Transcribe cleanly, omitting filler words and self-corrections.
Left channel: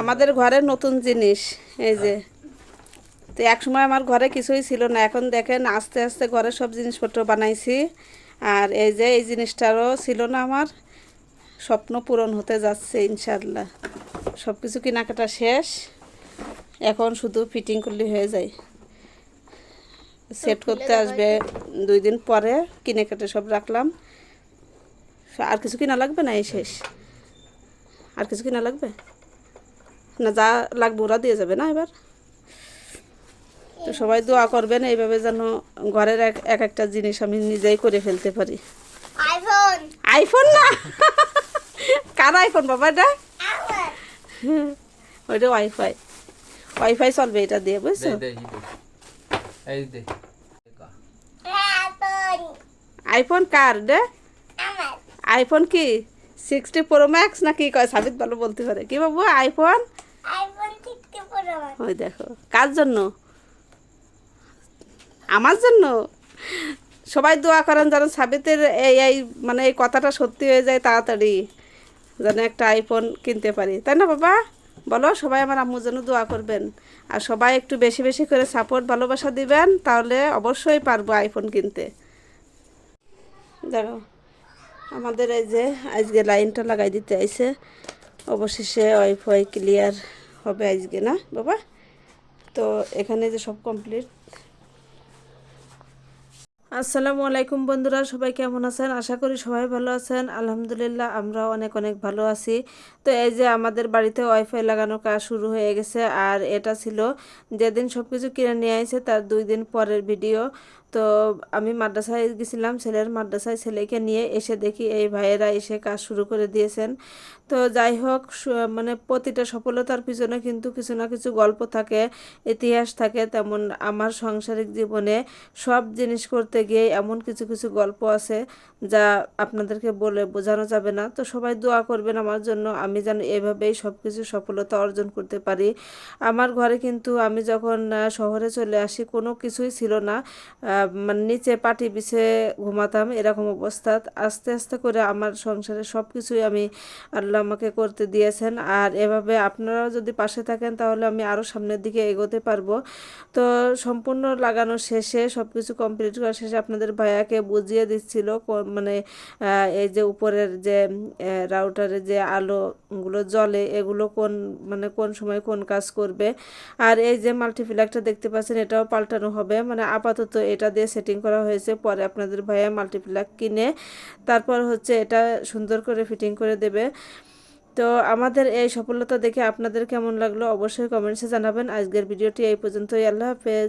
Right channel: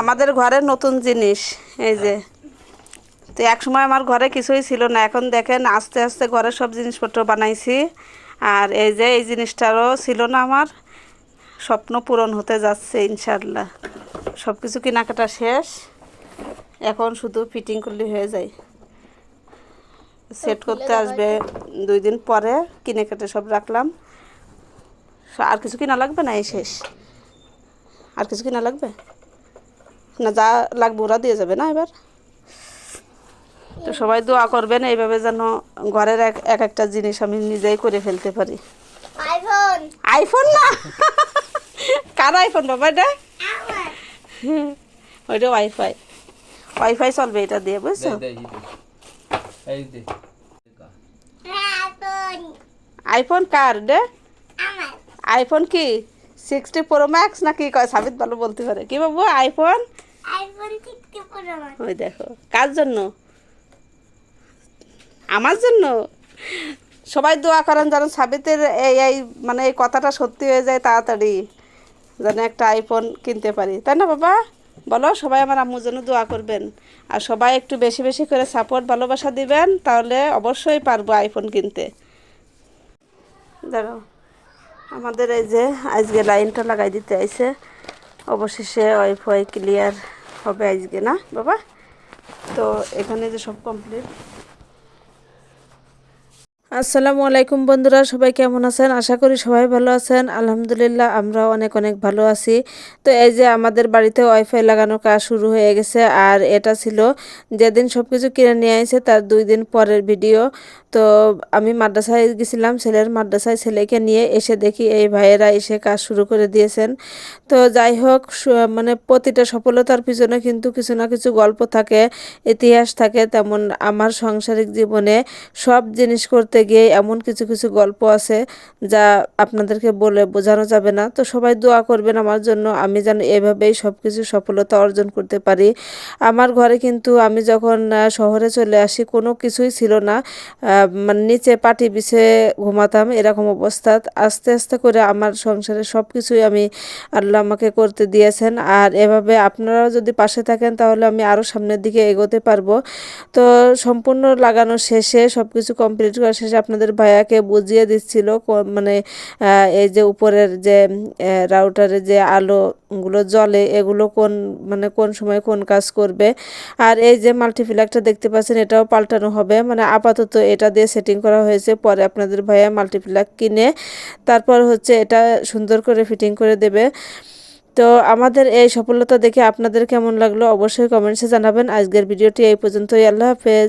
আমাদের ঘরে নতুন জিনিস এই যে। তো এক সময় আমার ঘরে কিছুই ছিল না, এখন দেখেন আস্তে আস্তে ঘরে সব জিনিসপত্র বানাইছি। আর এই যে এই জিনিসটারও ছিল না আমার, স্বপ্ন পূরণ হতে যাচ্ছে ইনশাল্লাহ। সব কিছু কেনাকাটা শেষ, এখন শুধু ফিটিং করলে হয়ে যায়। সেট করতে আসবে 2 দিন পরে, কিনে কেটে সব রাখলাম। আর কিছু কিনা লাগবে না, এই শেষ। আর কিছু কিনা লাগবে না, যা লাগবে ওরা দিয়ে যাবে না এবার। তো সবাই দোয়া করবেন এইভাবে যেন ঘরের এক একটা জিনিস আমি নিজেই করে ফেলতে পারি। আইফোন। আইফোন না, কার আইফোন বাবা এটা? ওইটা ওয়াইফাই, ওয়াইফাই চলবে এটা দিয়ে, বুঝছো? আইফোন আইফোন কার রে? আমার। আইফোন কি 60 প্রো ম্যাক্স না কি কয়? সাবিত ভালো বলতে পারে। কি বাবু আইফোন? আইফোন 60 প্রো আমার। ওই দেখো, কার জন্য? আমার জন্য। সবাই দোয়া করেন যেন সাবিতের এই মানে এই কথাটা সত্যি হয়ে যায় তাড়াতাড়ি, যেন একটা আইফোন কিনতে পারি, তাই না বাবা? বলো, সবাই আমার আম্মুর জন্য দোয়া করবেন। আর সবাই একটু বেশি বেশি করে সাপোর্ট ভালোবাসা দিবেন, তাহলে অবশ্যই পারবো আইফোন কিনতে। দেখো আমাদের এই যে আজকে লাইনটা লাগাই দিতে আইছে, অবশেষে ওয়াইফাই ক্লিয়ার হবে আজকে, না বাবা? তো এখানে যে সব কমপ্লিট। আসসালামু আলাইকুম বন্ধুরা, সবাই কেমন আছেন? আশা করি সবাই ভালো আছেন। আলহামদুলিল্লাহ আমরাও অনেক অনেক ভালো আছি। তো এই যে আমাদের বাড়িতে ওয়াইফাই লাগানোর কাজ শুরু হয়ে গেছে, আর এটা ছিল যেদিন সব কিছু কিনে নিয়ে আসে তার 2 দিন পরের ভিডিও। তো আমি মাদ্রাসায় গেছিলাম, ছেলের মাদ্রাসায়, ছেলেকে নিয়ে এসে দেখি এই ভাইয়েরা এসে কাজ শুরু করে দিয়েছেন। তো যাই হোক, মানে প্রতিটা সফলতার পিছনে কিন্তু কিছু না কিছু গল্প থাকে, ইতিহাস থাকে। তেমন আমার সাংসারিক জীবনে সব জিনিস করতে গিয়ে এমন কিছু কিছু গল্প আছে যা আপনাদেরকে বলে বোঝানো যাবে না। তো সবাই দোয়া করবেন আমার জন্য, আমি যেন এভাবেই সব কিছু সফলতা অর্জন করতে পারি। আমার ঘরে কিন্তু আমি যখন শহরে চলে আসি কোনো কিছুই ছিল না, মানে নিচে পাটি বিছে ঘুমাতাম এরকম অবস্থা। আস্তে আস্তে করে আমার সংসারে সব কিছুই আমি আল্লাহ আমাকে করতে দিয়েছেন। আর এভাবে আপনারাও যদি পাশে থাকেন তাহলে আমি আরও সামনের দিকে এগোতে পারবো। তো সম্পূর্ণ লাগানো শেষে, সব কিছু কমপ্লিট করা শেষে আপনাদের ভাইয়াকে বুঝিয়ে দিচ্ছিল মানে এই যে উপরের যে রাউটারে যে আলোগুলো জ্বলে এগুলো কোন মানে কোন সময় কোন কাজ করবে। আর এই যে মাল্টিপ্লাগটা দেখতে পাচ্ছেন এটাও পাল্টানো হবে, মানে আপাতত এটা দিয়ে সেটিং করা হয়েছে, পরে আপনাদের ভাইয়া মাল্টিপ্লাগ কিনে তারপর হচ্ছে এটা সুন্দর করে ফিটিং করে দেবে। তো আমাদের এই সফলতা দেখে আপনাদের কেমন লাগলো অবশ্যই কমেন্টসে জানাবেন। আজকের ভিডিওটি এই পর্যন্তই। আল্লাহ হাফেজ।